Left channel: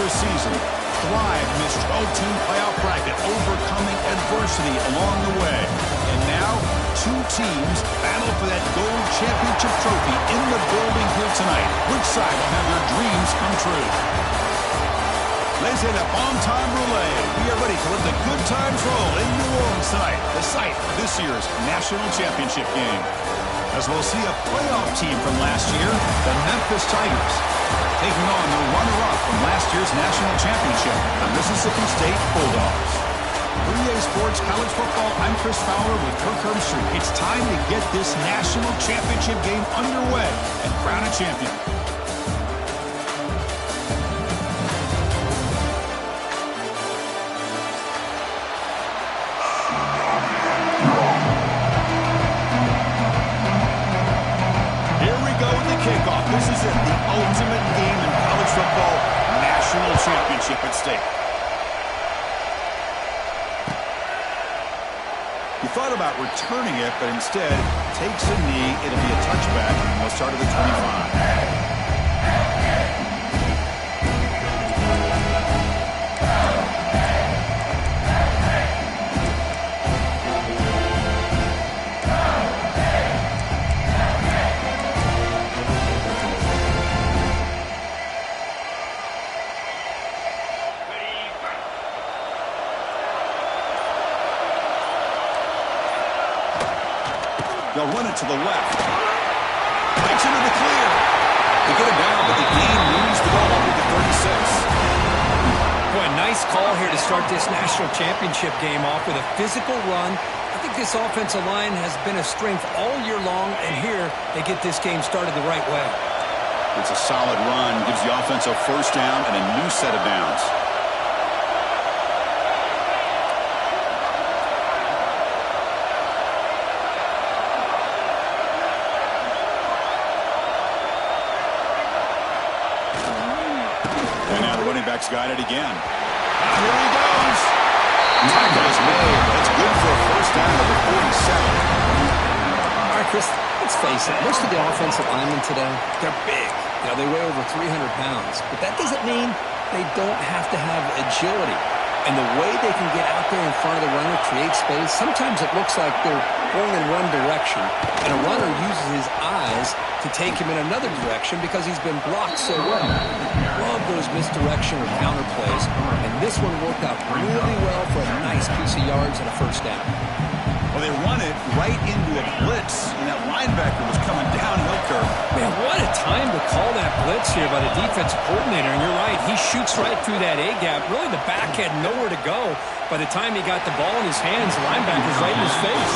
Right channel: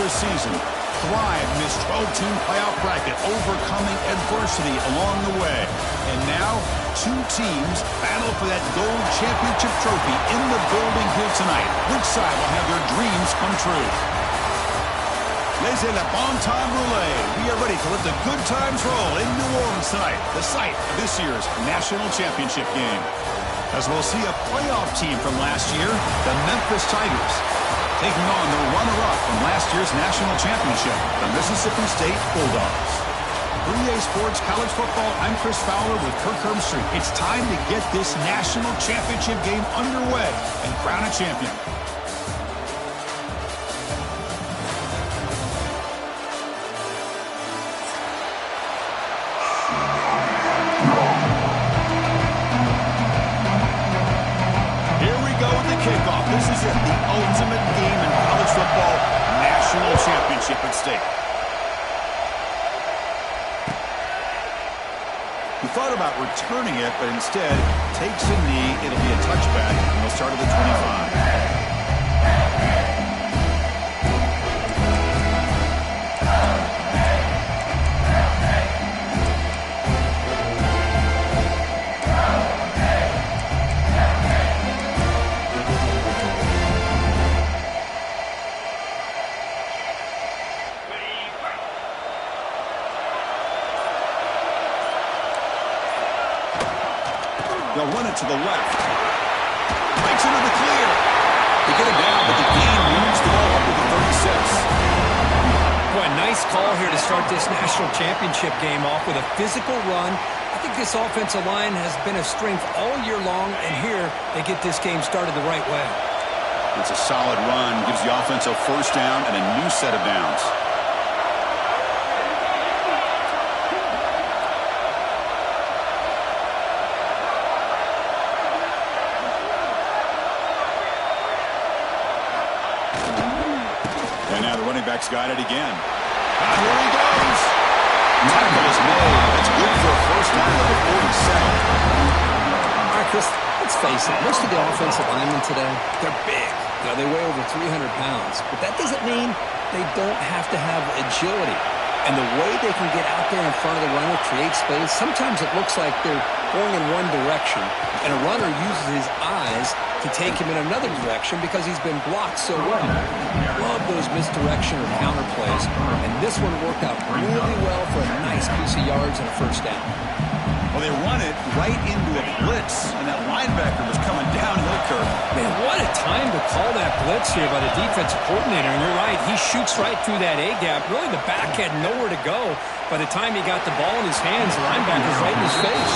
regular season, thrive in this 12-team playoff bracket, overcoming adversity along the way. And now, two teams battle for that gold championship trophy in the building here tonight. Which side will have their dreams come true? Laissez le bon temps rouler. We are ready to let the good times roll in New Orleans tonight, the site of this year's national championship game. As we'll see a playoff team from last year, the Memphis Tigers, taking on the runner-up from last year's national championship, the Mississippi State Bulldogs. For EA Sports College Football, I'm Chris Fowler with Kirk Herbstreit. It's time to get this national championship game underway and crown a champion. This is it, the ultimate game in college football, national championship at stake. He thought about returning it, but instead takes a knee. It'll be a touchback, and they'll start at the 25. They'll run it to the left. Breaks into the clear. They get it down, but the gain moves the ball up to the 36. Boy, nice call here to start this national championship game off with a physical run. I think this offensive line has been a strength all year long, and here they get this game started the right way. It's a solid run. Gives the offense a first down and a new set of downs. Back's got it again. Here he goes. Tackle is made. That's good for a first down at the 47. All right, Chris, let's face it. Most of the offensive linemen today, they're big. You know, they weigh over 300 pounds. But that doesn't mean they don't have to have agility. And the way they can get out there in front of the runner, create space, sometimes it looks like they're going in one direction, and a runner uses his eyes to take him in another direction because he's been blocked so well. Love those misdirection or counter plays, and this one worked out really well for a nice piece of yards and a first down. Well, they run it right into a blitz, and that linebacker was coming downhill, Kirk. Man, what a time to call that blitz here by the defensive coordinator. And you're right, he shoots right through that A-gap. Really, the back had nowhere to go. By the time he got the ball in his hands, the linebacker's right in his face.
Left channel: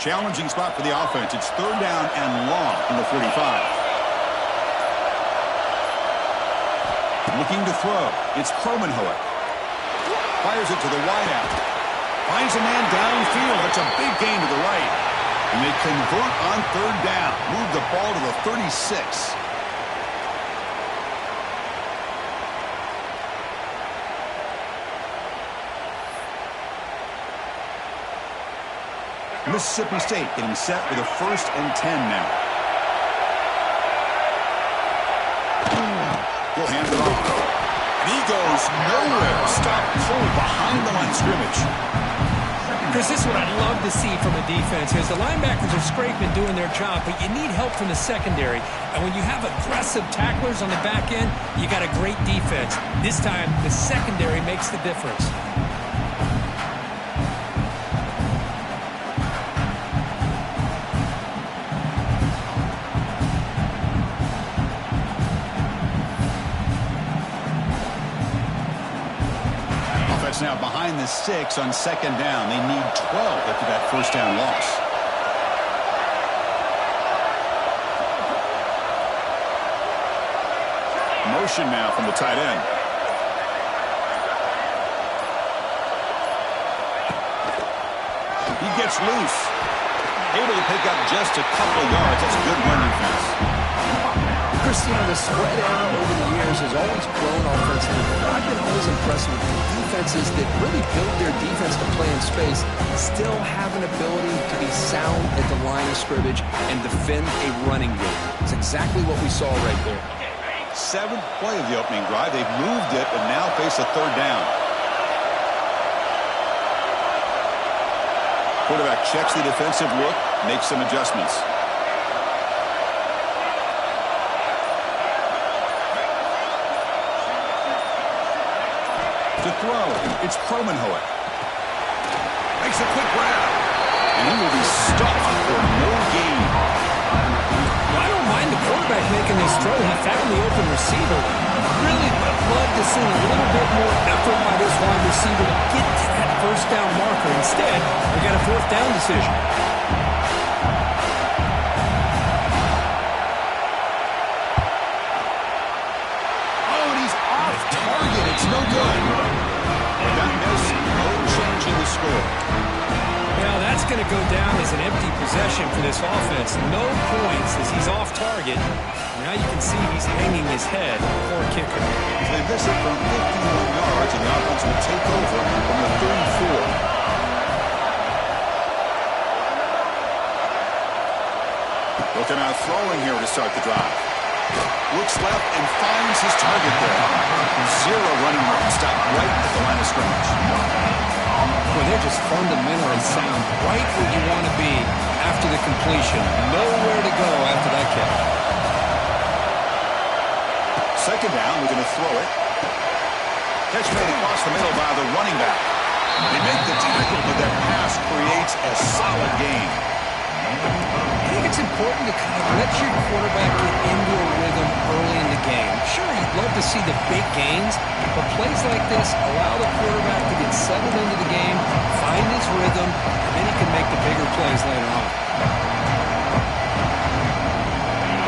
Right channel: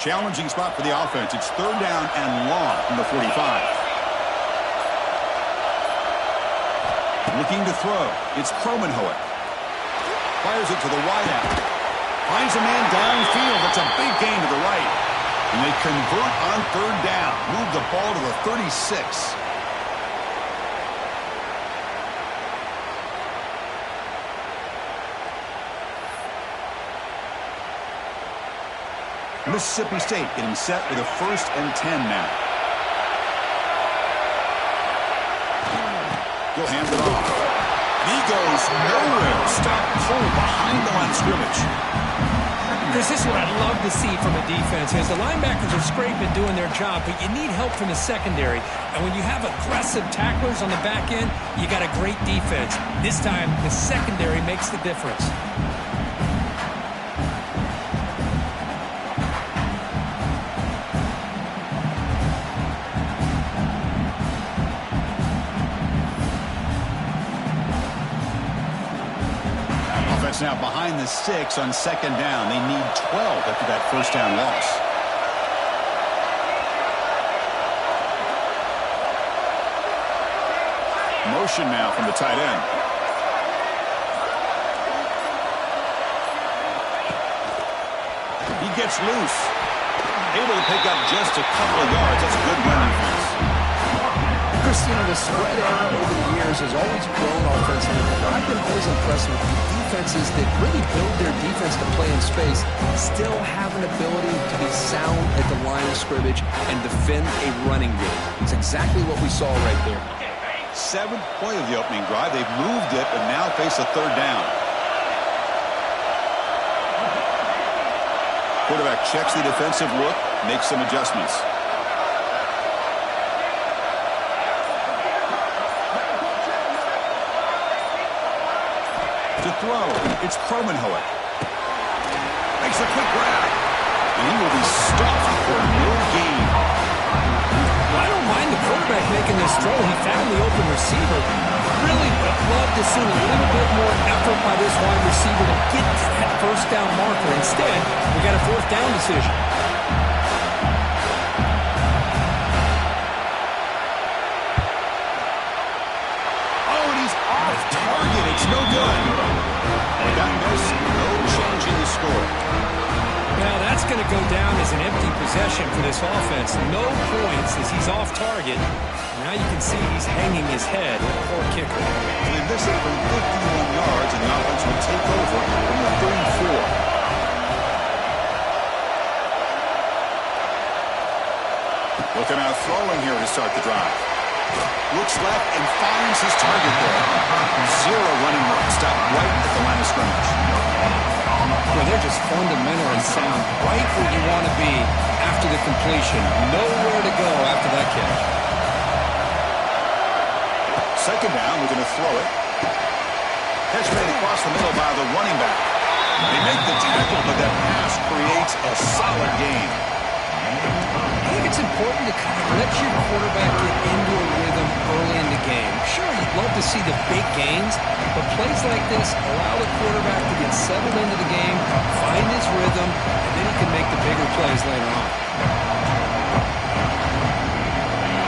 Challenging spot for the offense. It's third down and long from the 45. Looking to throw. It's Kromenhoek. Fires it to the wideout. Finds a man downfield. That's a big gain to the right. And they convert on third down. Move the ball to the 36. Mississippi State getting set with a 1st and 10 now. He'll hand it off. And he goes nowhere. Stop cold behind the line of scrimmage. Chris, this is what I'd love to see from a defense. As the linebackers are scraping doing their job, but you need help from the secondary. And when you have aggressive tacklers on the back end, you got a great defense. This time, the secondary makes the difference. Offense now behind the 6 on second down. They need 12 after that first down loss. Motion now from the tight end. He gets loose. Able to pick up just a couple of yards. That's a good run defense. Christina, the spread era over the years has always grown offensively, but I've been always impressed with the defenses that really build their defense to play in space, still have an ability to be sound at the line of scrimmage and defend a running game. It's exactly what we saw right there. Seventh play of the opening drive. They've moved it and now face a third down. Quarterback checks the defensive look, makes some adjustments. To throw, it's Kromenhoek. Makes a quick grab. And he will be stuffed for no gain. Well, I don't mind the quarterback making this throw. He found the open receiver. Really would have loved to see a little bit more effort by this wide receiver to get to that first down marker. Instead, we got a fourth down decision. Oh, and he's off target. It's no good. With that miss, no change in the score. Well, that's going to go down as an empty possession for this offense. No points as he's off target. Now you can see he's hanging his head. Poor kicker. So they miss it from 51 yards, and the offense will take over from the 34. Looking out throwing here to start the drive. Looks left and finds his target there. Zero running room. Stop right at the line of scrimmage. Well, they're just fundamentally sound. Right where you want to be after the completion. Nowhere to go after that catch. Second down, we're going to throw it. Catch made across the middle by the running back. They make the tackle, but that pass creates a solid gain. I think it's important to kind of let your quarterback get into a rhythm early in the game. Sure, you'd love to see the big gains, but plays like this allow the quarterback to get settled into the game, find his rhythm, and then he can make the bigger plays later on.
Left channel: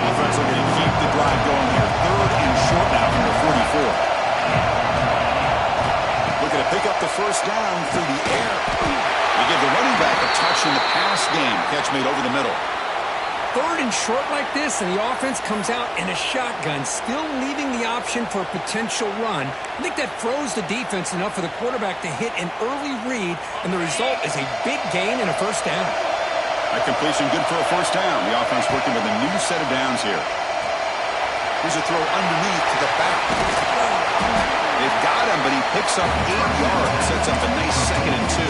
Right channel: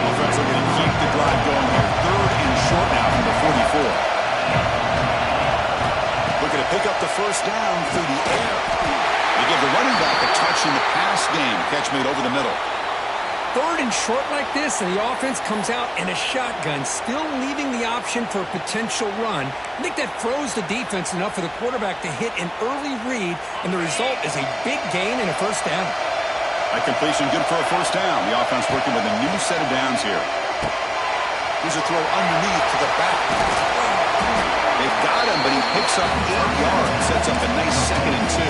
Offense looking to keep the drive going here. Third and short now from the 44. Looking to pick up the first down through the air. They give the running back a touch in the pass game. Catch made over the middle. Third and short like this, and the offense comes out in a shotgun, still leaving the option for a potential run. I think that throws the defense enough for the quarterback to hit an early read, and the result is a big gain and a first down. That completion good for a first down. The offense working with a new set of downs here. Here's a throw underneath to the back. They've got him, but he picks up 8 yards. Sets up a nice 2nd and 2.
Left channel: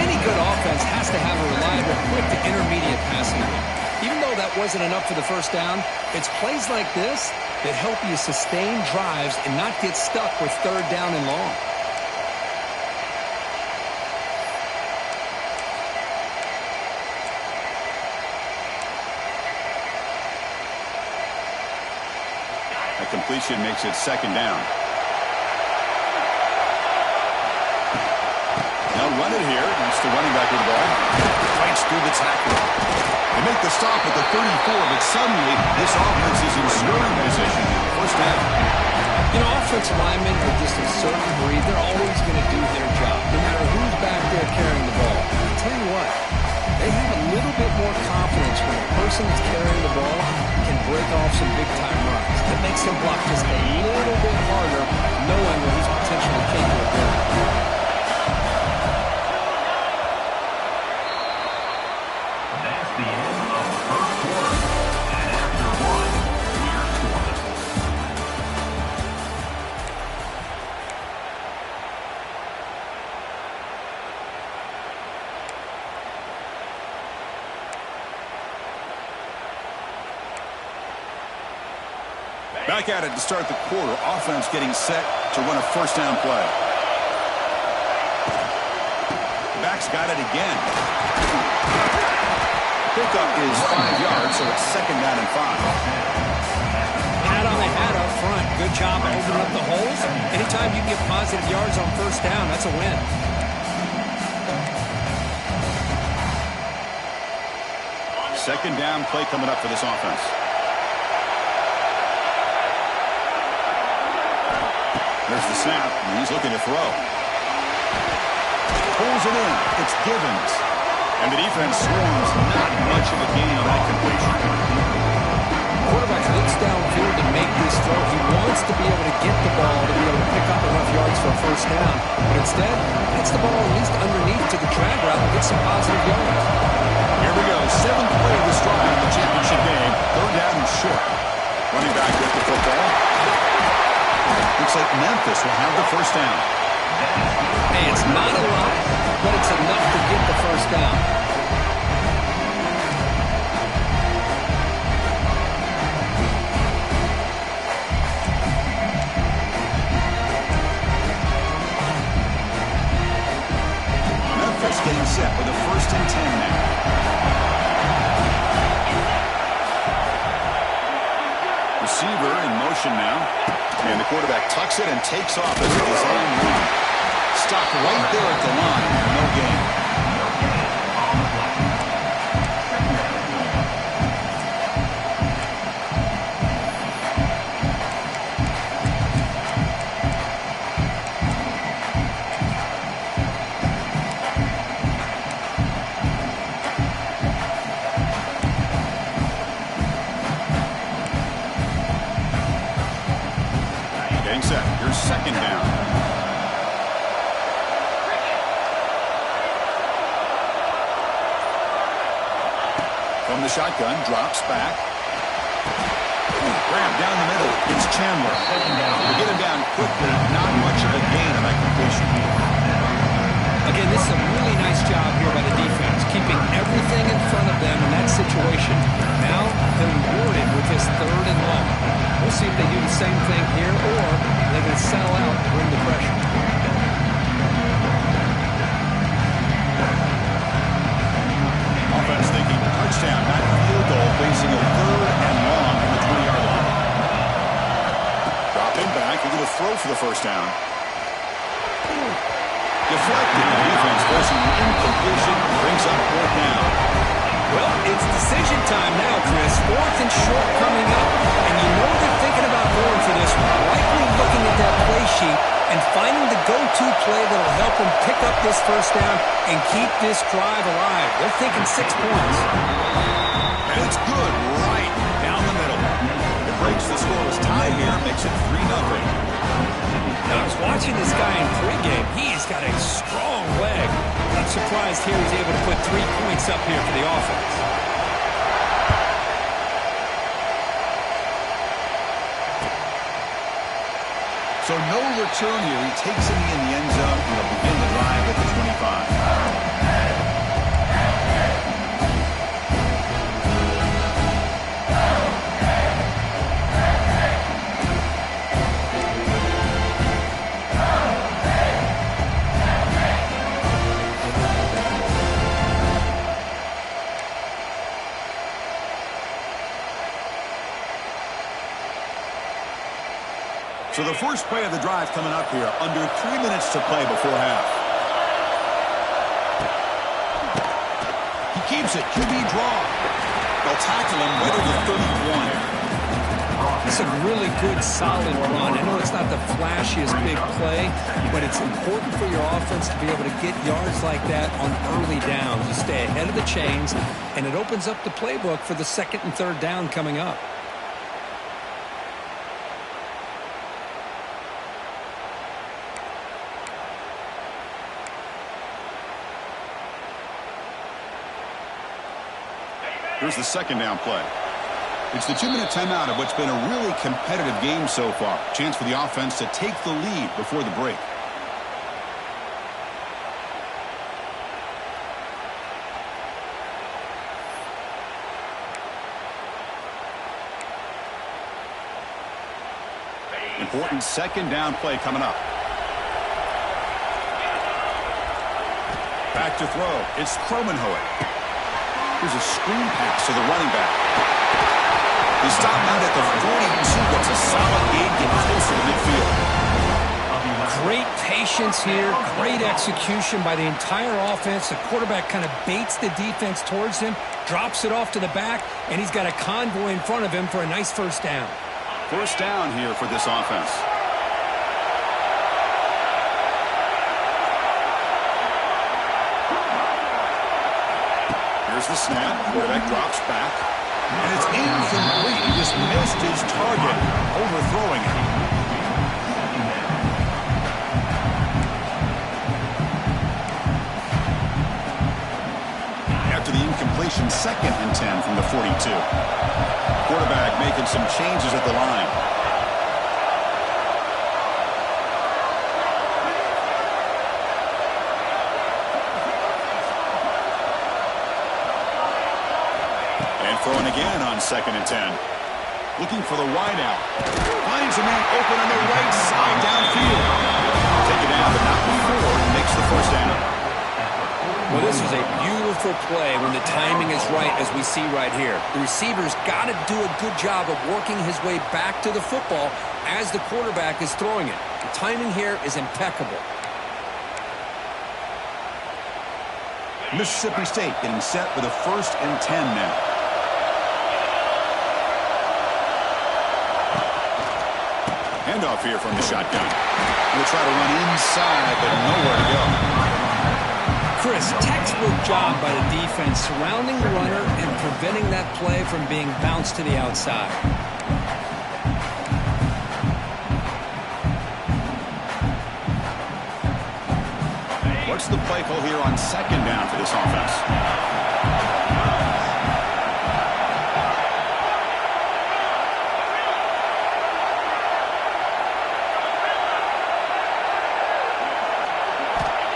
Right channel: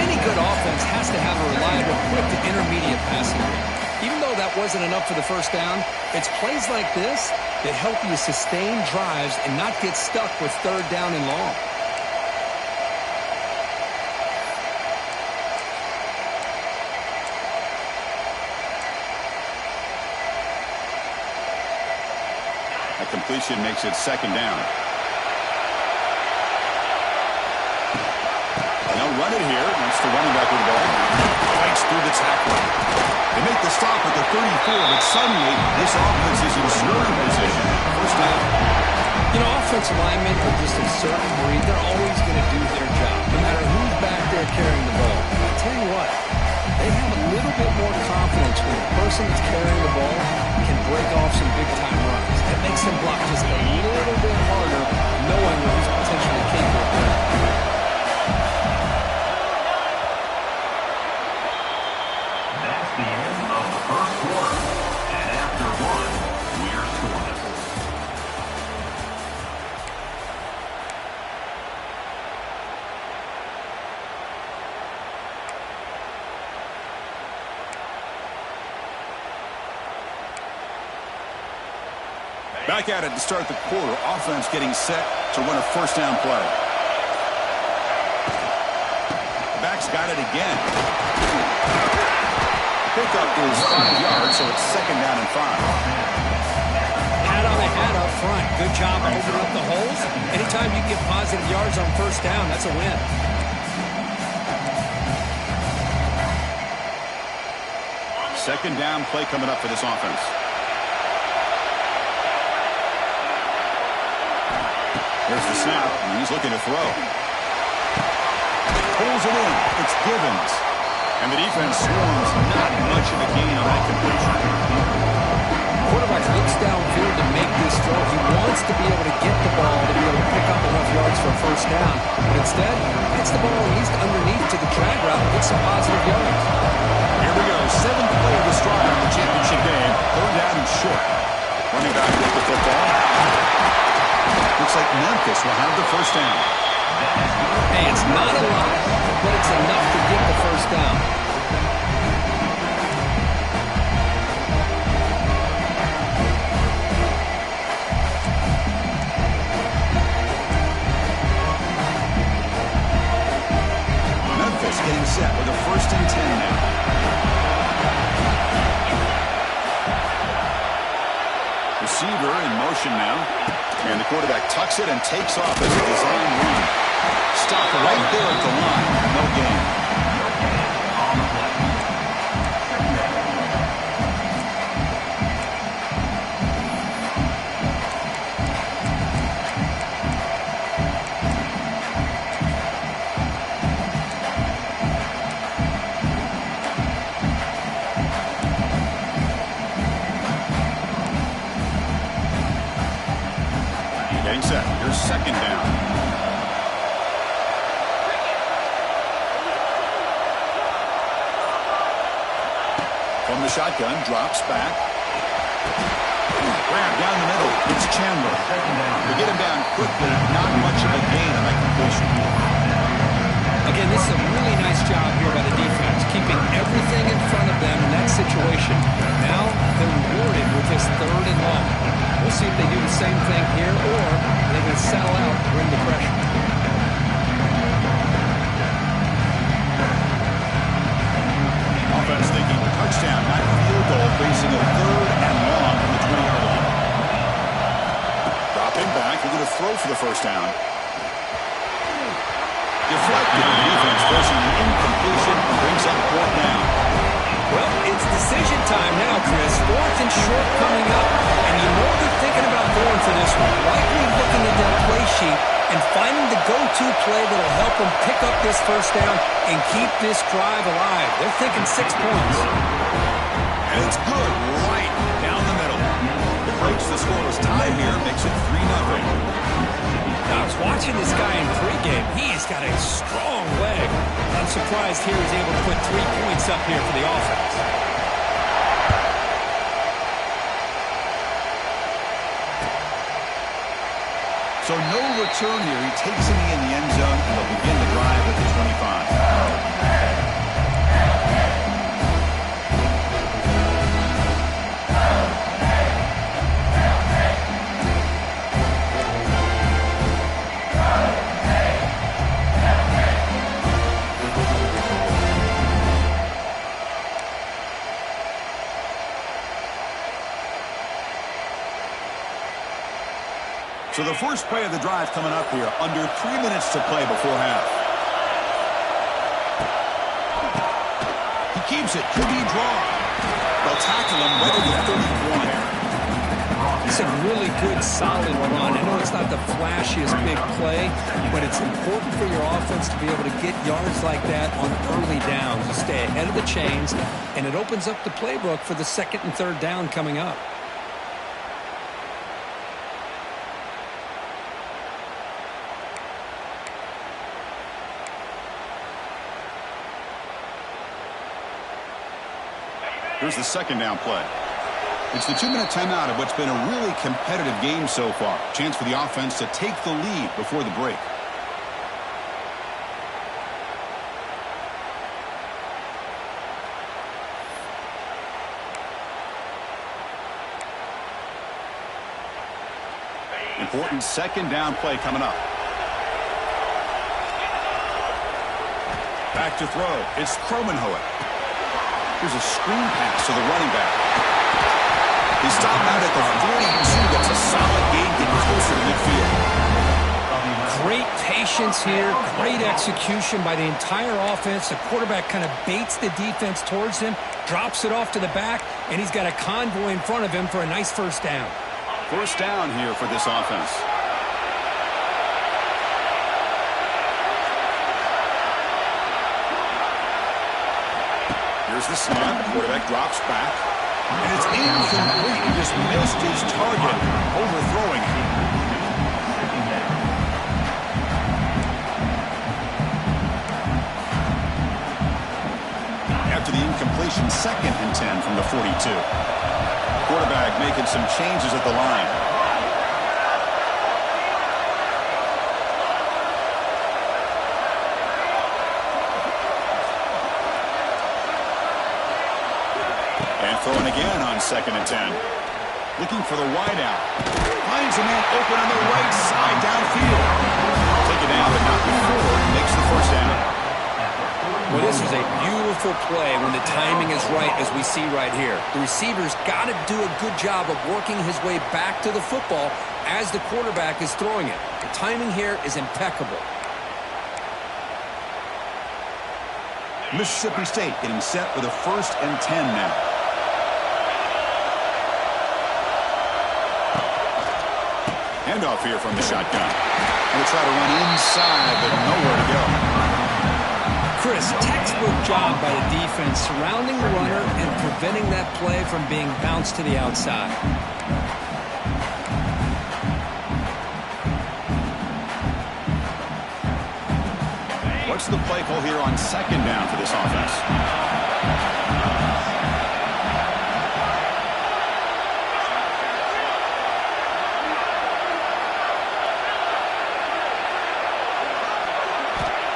Any good offense has to have a reliable, quick to intermediate passing game. Even though that wasn't enough for the first down, it's plays like this that help you sustain drives and not get stuck with third down and long. That completion makes it 2nd down. They'll run it here. That's the running back with the ball. Fights through the tackle. They make the stop at the 34, but suddenly this offense is in scoring position. First down. You know, offensive linemen are just a certain breed. They're always going to do their job, no matter who's back there carrying the ball. I'll tell you what, they have a little bit more confidence when the person that's carrying the ball can break off some big-time runs. That makes them block just a little bit harder, knowing what he's potentially capable of doing. The end of the first quarter, and after one, we're scoreless. Back at it to start the quarter. Offense getting set to run a first down play. The back's got it again. Pickup is 5 yards, so it's 2nd down and 5. Pat on the hat up front. Good job of opening up the holes. Anytime you can get positive yards on first down, that's a win. Second down play coming up for this offense. There's the snap, and he's looking to throw. Pulls it in. It's Givens. And the defense swarms. Not much of a gain on that completion. Quarterback looks downfield to make this throw. He wants to be able to get the ball to be able to pick up enough yards for a first down. But instead, gets the ball at least underneath to the drag route and gets some positive yards. Here we go. 7th play of this drive in the championship game. 3rd down and short. Running back with the football. Looks like Memphis will have the first down. Hey, it's not a lot, but it's enough to get the first down. Memphis getting set with a 1st and 10 now. Receiver in motion now. And the quarterback tucks it and takes off as a design run. Stop right there at the line. No gain. No gain on the play. Second down. Getting set. Here's 2nd down. From the shotgun, drops back. Grab down the middle. It's Chandler. Second down. They get him down quickly. Not much of a gain on that completion. Again, this is a really nice job here by the defense, keeping everything in front of them in that situation. Now they're rewarded with this 3rd and long. We'll see if they do the same thing here, or they're going to settle out and bring the pressure. Offense thinking touchdown, not field goal, facing a 3rd and long from the 20-yard line. Dropping back, they're going to throw for the first down. Deflected. The defense forcing an incompletion, brings up 4th down. Well, it's decision time now, Chris. 4th and short coming up, and you know they're thinking about going for this one. Likely looking at that play sheet and finding the go-to play that'll help them pick up this first down and keep this drive alive. They're thinking 6 points. And it's good right down the middle. It breaks the scoreless tie here, makes it 3-0. Now, I was watching this guy in pregame. He's got a strong leg. I'm surprised here he's able to put 3 points up here for the offense. So no return here. He takes it in the end zone, and they'll begin the drive at the 25. So the first play of the drive coming up here, under 3 minutes to play before half. He keeps it, QB draw. They'll tackle him right at the 31. It's a really good, solid run. I know it's not the flashiest big play, but it's important for your offense to be able to get yards like that on early downs. You stay ahead of the chains, and it opens up the playbook for the 2nd and 3rd down coming up. Here's the 2nd down play. It's the 2-minute timeout of what's been a really competitive game so far. Chance for the offense to take the lead before the break. Important 2nd down play coming up. Back to throw. It's Kromenhoek. Here's a screen pass to the running back. They stop out at the 42. That's a solid gain, getting closer to midfield. Great patience here, great execution by the entire offense. The quarterback kind of baits the defense towards him, drops it off to the back, and he's got a convoy in front of him for a nice first down. First down here for this offense. Here's the snap. Quarterback drops back. And it's incomplete. He just missed his target, overthrowing it. After the incompletion, 2nd and 10 from the 42. Quarterback making some changes at the line. And throwing again on 2nd and 10. Looking for the wide out. Finds a man open on the right side downfield. Take it down, but not before he makes the first down. Well, this is a beautiful play when the timing is right, as we see right here. The receiver's got to do a good job of working his way back to the football as the quarterback is throwing it. The timing here is impeccable. Mississippi State getting set for the 1st and 10 now. Handoff here from the shotgun. Going to try to run inside, but nowhere to go. Chris, textbook job by the defense surrounding the runner and preventing that play from being bounced to the outside. What's the play call here on 2nd down for this offense?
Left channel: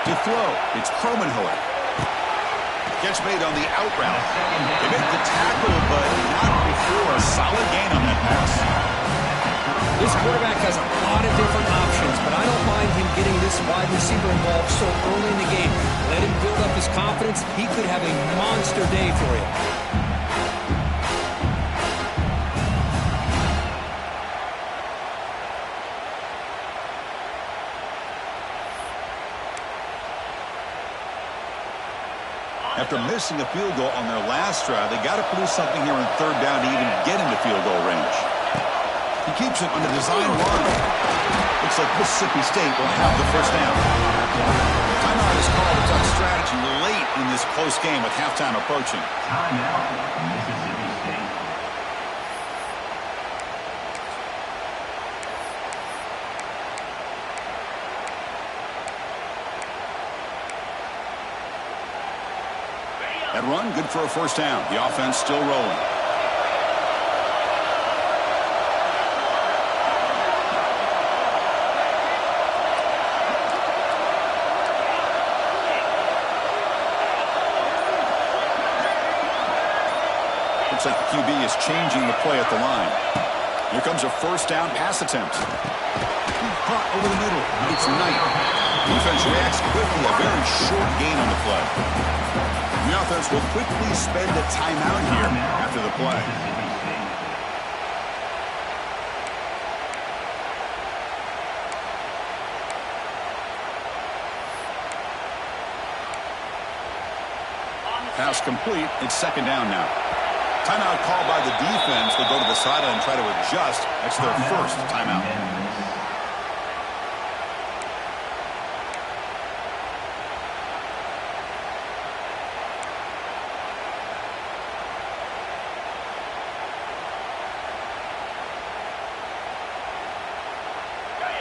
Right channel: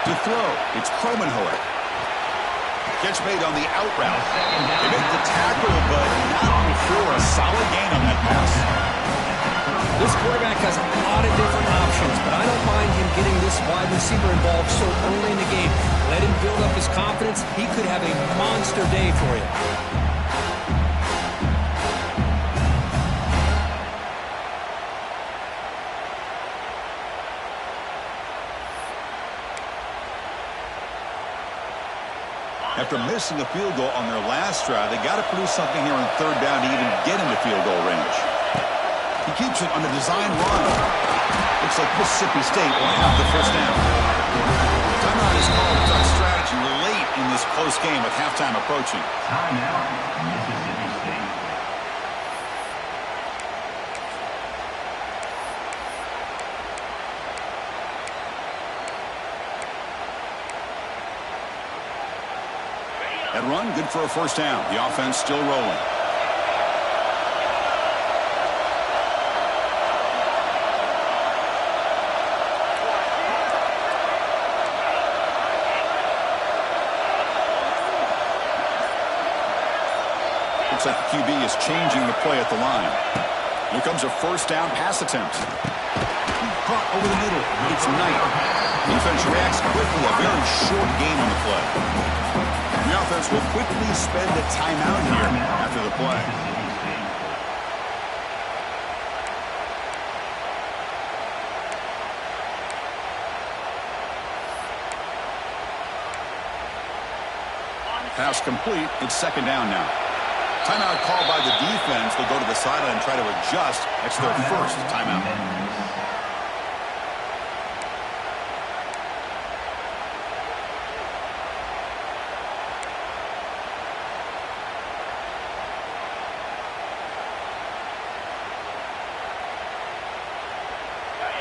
To throw, it's Kromenhoek. Catch made on the out route. They make the tackle, but not before a solid gain on that pass. This quarterback has a lot of different options, but I don't mind him getting this wide receiver involved so early in the game. Let him build up his confidence. He could have a monster day for you. After missing a field goal on their last drive, they got to produce something here on 3rd down to even get into field goal range. He keeps it on the design run. Looks like Mississippi State will have the first down. Timeout is called. A tough strategy late in this close game with halftime approaching. Timeout, Mississippi State. That run, good for a first down. The offense still rolling. Looks like the QB is changing the play at the line. Here comes a first down pass attempt. Caught over the middle. It's Knight. Defense reacts quickly. A very short gain on the play. The offense will quickly spend a timeout here after the play. Pass complete. It's 2nd down now. Timeout called by the defense. They'll go to the sideline and try to adjust. That's their first timeout.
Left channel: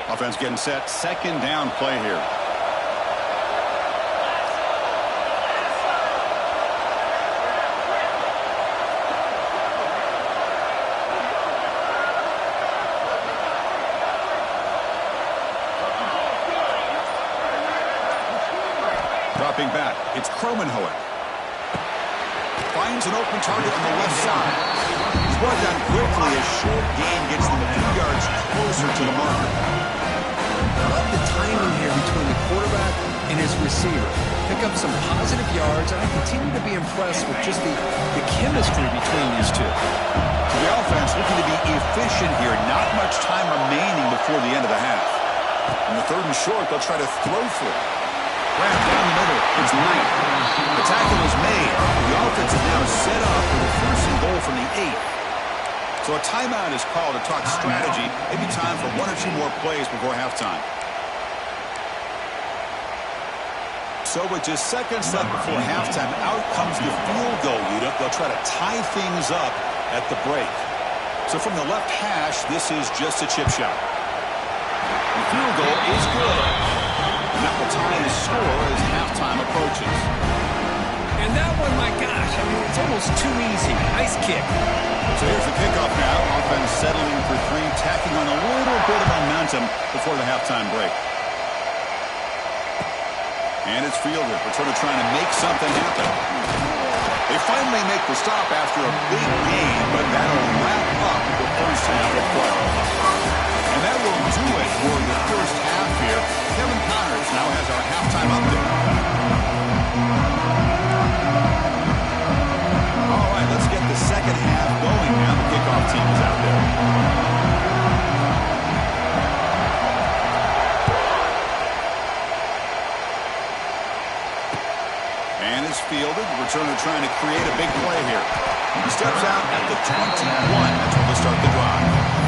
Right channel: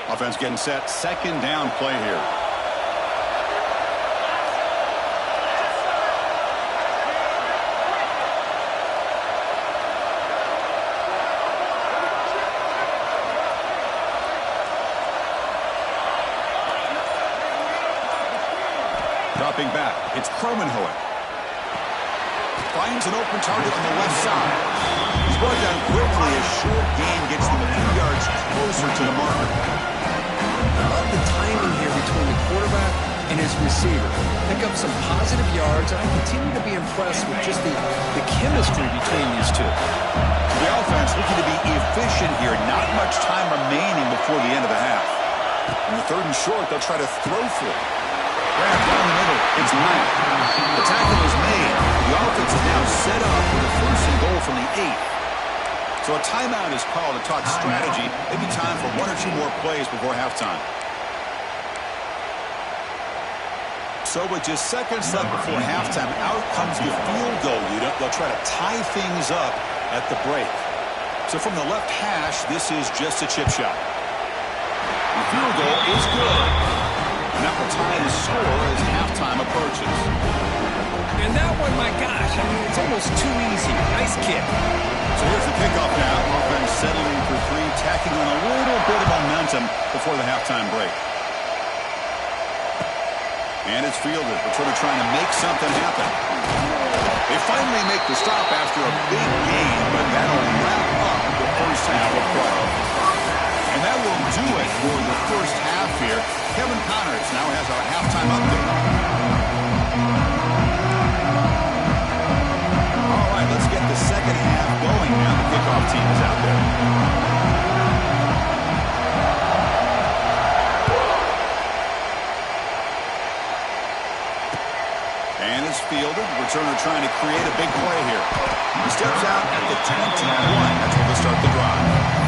Offense getting set. 2nd down play here. Dropping back. It's Kromenhoek. Finds an open target on the left side. He's brought down quickly. A short gain gets them a few yards closer to the marker. I love the timing here between the quarterback and his receiver. pick up some positive yards, and I continue to be impressed with just the chemistry between these two. So the offense looking to be efficient here. Not much time remaining before the end of the half. On the 3rd and short, they'll try to throw for it. Grab down the middle. It's Knight. The tackle is made. The offense is now set up with a 1st and goal from the 8. So a timeout is called to talk strategy. Maybe time for 1 or 2 more plays before halftime. So with just seconds left before halftime, out comes the field goal unit. They'll try to tie things up at the break. So from the left hash, this is just a chip shot. The field goal is good. And that will tie the score as halftime approaches. And that one, my gosh, I mean, it's almost too easy. Nice kick. So here's the kickoff now. Offense settling for 3, tacking on a little bit of momentum before the halftime break. And it's fielded. Returner trying to make something happen. They finally make the stop after a big gain, but that'll wrap up the first half of play. And that will do it for the first half here. Kevin Connors now has our halftime update. All right, let's get the second half going now. The kickoff team is out there. And it's fielded. Returner trying to create a big play here. He steps out at the 21. That's where they'll start the drive.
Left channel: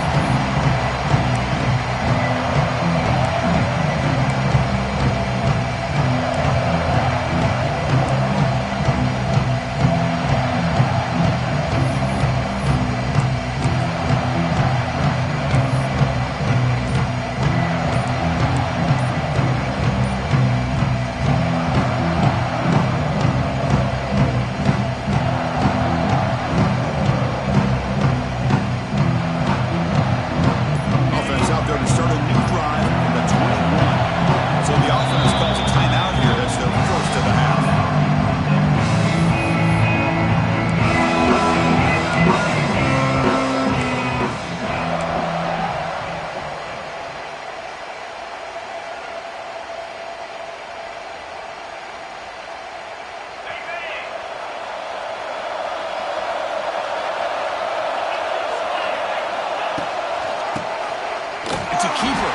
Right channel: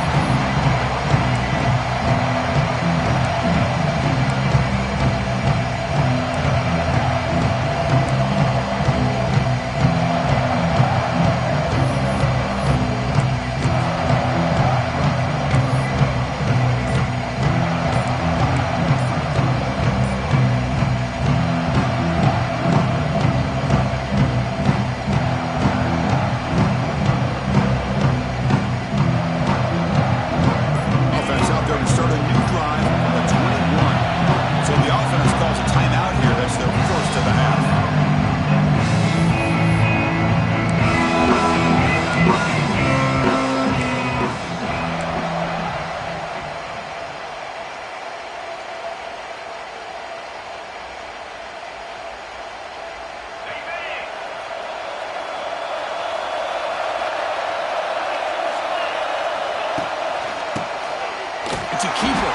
It's a keeper.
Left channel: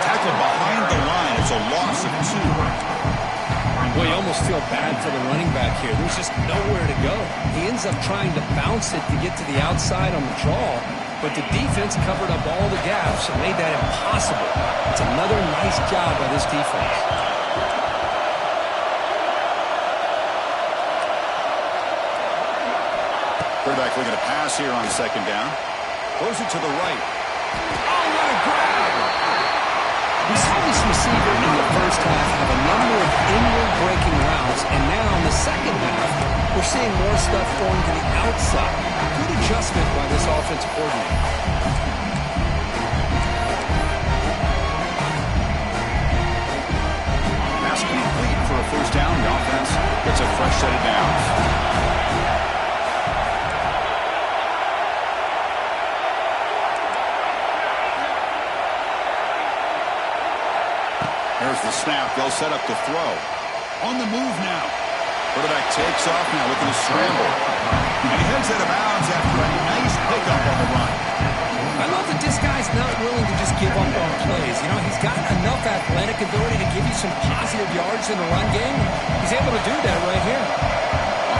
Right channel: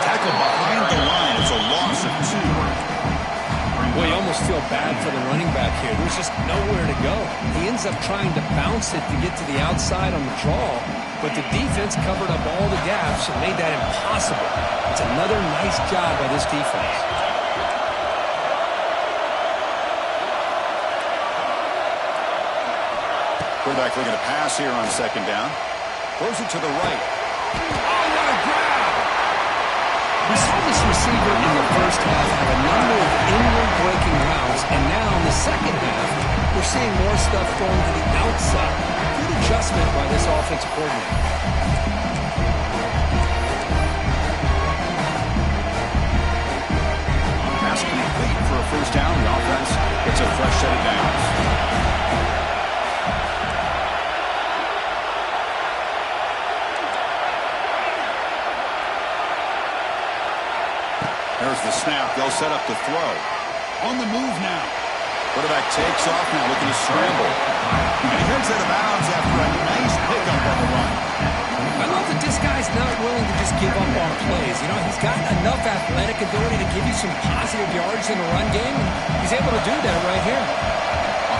Tackle behind the line. It's a loss of 2. Well, you almost feel bad for the running back here. There's just nowhere to go. He ends up trying to bounce it to get to the outside on the draw, but the defense covered up all the gaps and made that impossible. It's another nice job by this defense. Quarterback looking to pass here on 2nd down. Throws it to the right. Oh, what a grab! We saw this receiver in the first half have a number of inward-breaking routes, and now in the second half, we're seeing more stuff going to the outside. Good adjustment by this offensive coordinator. Pass complete for a 1st down. The offense gets a fresh set of downs. There's the snap. They'll set up to throw. On the move now. Quarterback takes off now, looking to scramble. And he heads out of bounds after a nice pickup on the run. I love that this guy's not willing to just give up on plays. You know, he's got enough athletic ability to give you some positive yards in the run game, and he's able to do that right here.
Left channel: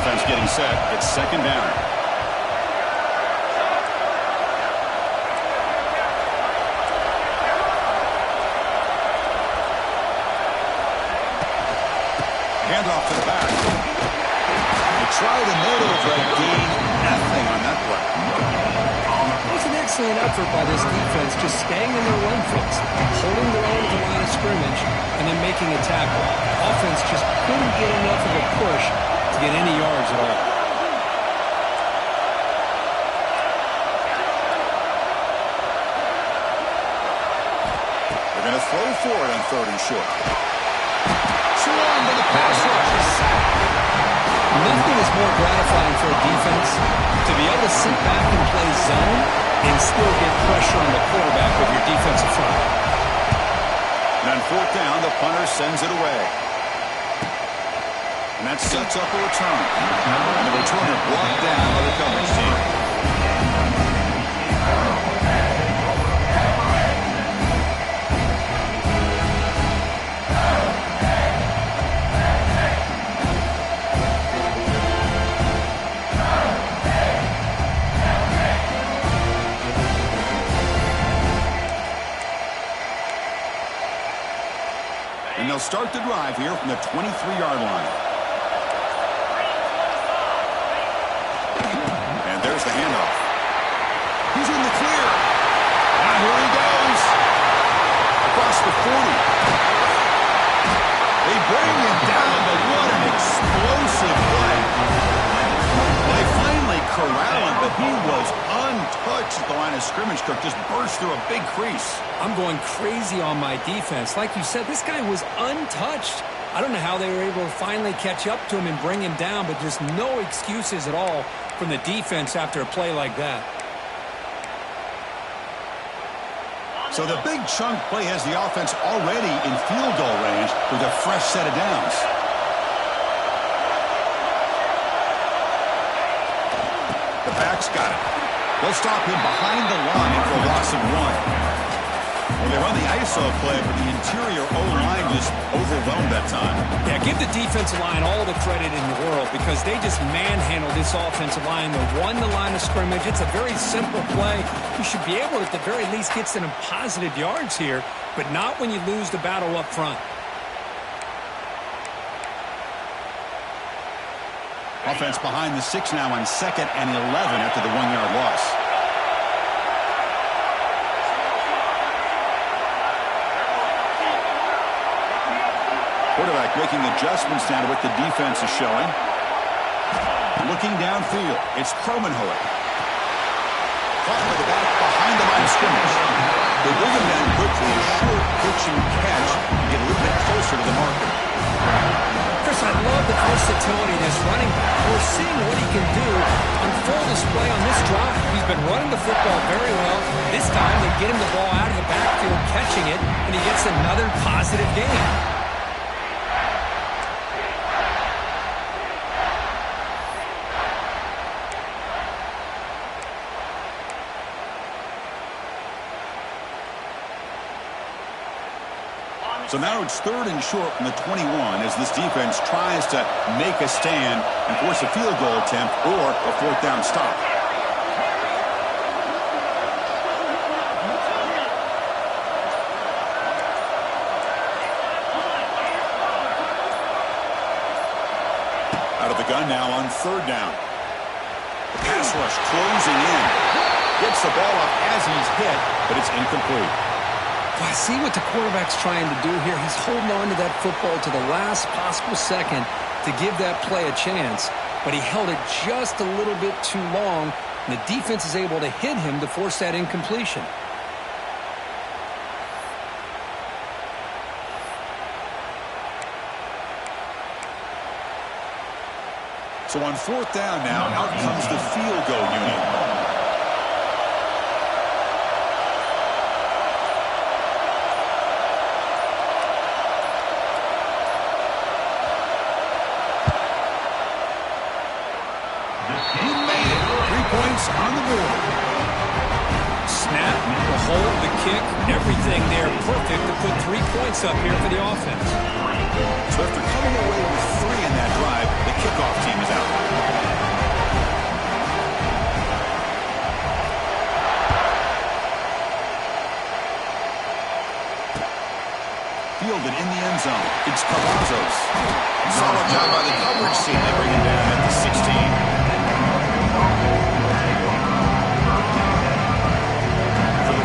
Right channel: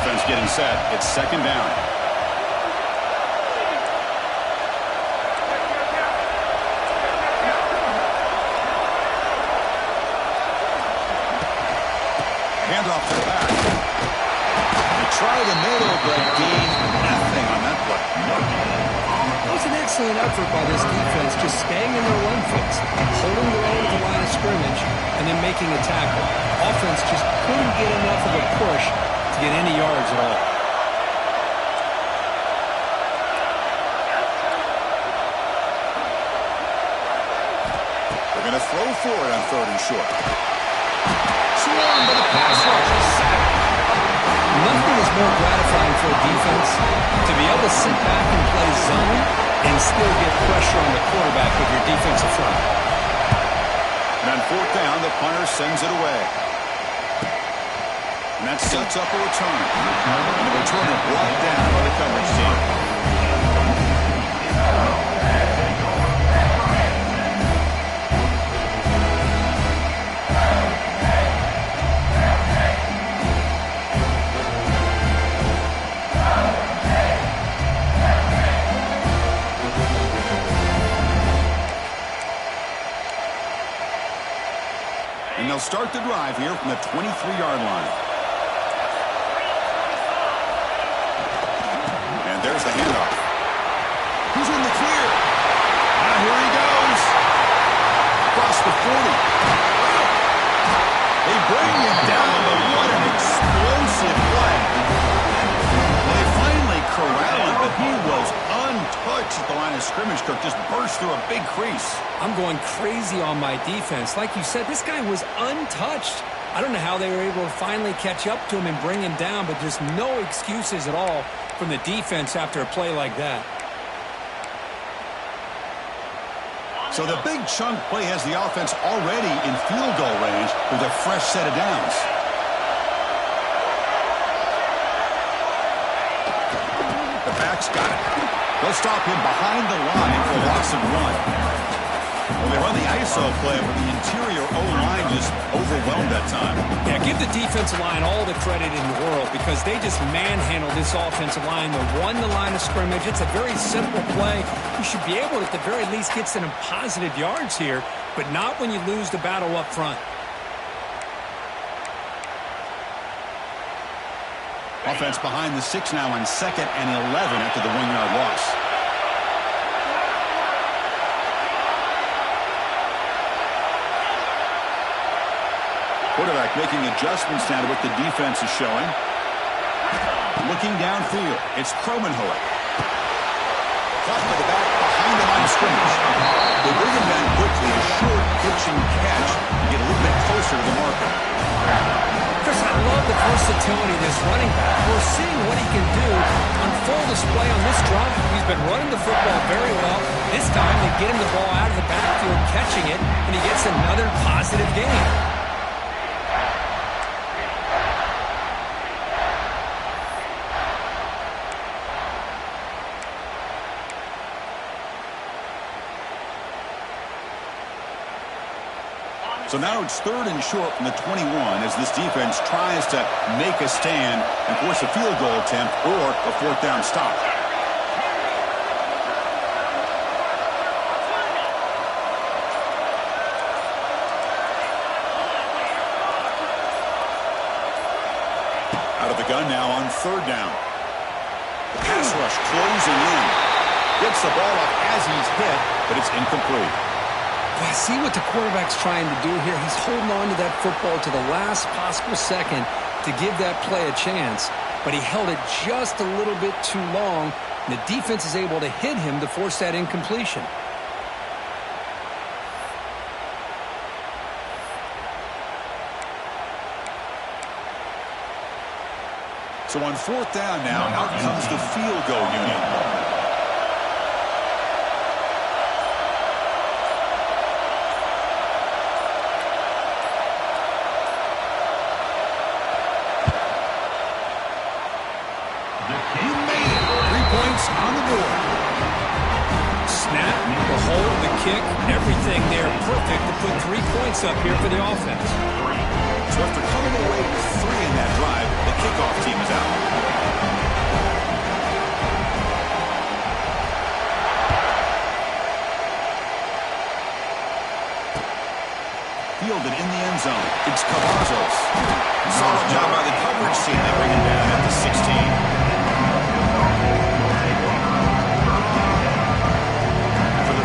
Offense getting set. It's 2nd down. Handoff to the back. They try the middle, but gain nothing on that play. It was an excellent effort by this defense, just staying in their run fix, holding their own at the line of scrimmage, and then making a tackle. Offense just couldn't get enough of a push to get any yards at all. They're going to throw for it on 3rd and short. Swarmed by the pass rush. Sack. Nothing is more gratifying for a defense to be able to sit back and play zone and still get pressure on the quarterback with your defensive front. And on 4th down, the punter sends it away. And that sets up a return. And the returner brought down by the coverage team. And they'll start the drive here from the 23-yard line. And there's the handoff. He's in the clear. Now here he goes. Across the 40. They bring him down, but what an explosive play. Well, they finally corral him, but he was untouched at the line of scrimmage. Kirk just burst through a big crease. I'm going crazy on my defense. Like you said, this guy was untouched. I don't know how they were able to finally catch up to him and bring him down, but just no excuses at all from the defense after a play like that. So the big chunk play has the offense already in field goal range with a fresh set of downs. The back's got it. They'll stop him behind the line for a loss of 1. Well, they run the ISO play, but the interior O-line just overwhelmed that time. Yeah, give the defensive line all the credit in the world because they just manhandled this offensive line. They won the line of scrimmage. It's a very simple play. You should be able to, at the very least, get some positive yards here, but not when you lose the battle up front. Offense behind the 6 now on 2nd and 11 after the 1-yard loss. Quarterback making adjustments now to what the defense is showing. Looking downfield, it's Kromenhoek. Caught by the back behind the line of scrimmage. They bring him down quickly, a short pitch and catch to get a little bit closer to the marker. Chris, I love the versatility of this running back. We're seeing what he can do on full display on this drive. He's been running the football very well. This time they get him the ball out of the backfield, catching it, and he gets another positive gain. So now it's 3rd and short from the 21 as this defense tries to make a stand and force a field goal attempt or a 4th down stop. Out of the gun now on 3rd down. The pass rush closing in. Gets the ball up as he's hit, but it's incomplete. Well, I see what the quarterback's trying to do here. He's holding on to that football to the last possible second to give that play a chance. But he held it just a little bit too long, and the defense is able to hit him to force that incompletion. So on 4th down now, out comes the field goal unit. On the board. Snap, the hold, the kick, everything there perfect to put 3 points up here for the offense. So after coming away with 3 in that drive, the kickoff team is out. Fielded in the end zone. It's Cavazos. Solid job by the coverage team. They bring him down at the 16.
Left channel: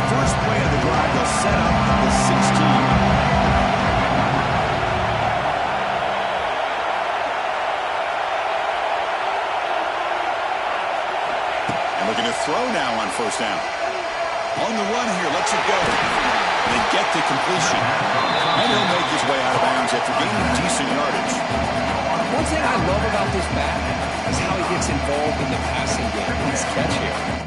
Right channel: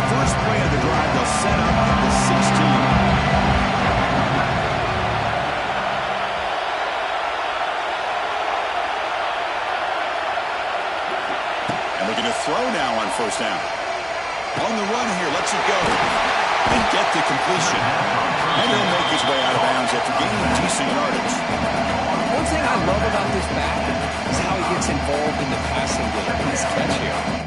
First play of the drive, they'll set up at the 16. And looking to throw now on 1st down. On the run here, lets it go. And get the completion. And he'll make his way out of bounds after gaining decent yardage. One thing I love about this back is how he gets involved in the passing game. Nice catch here.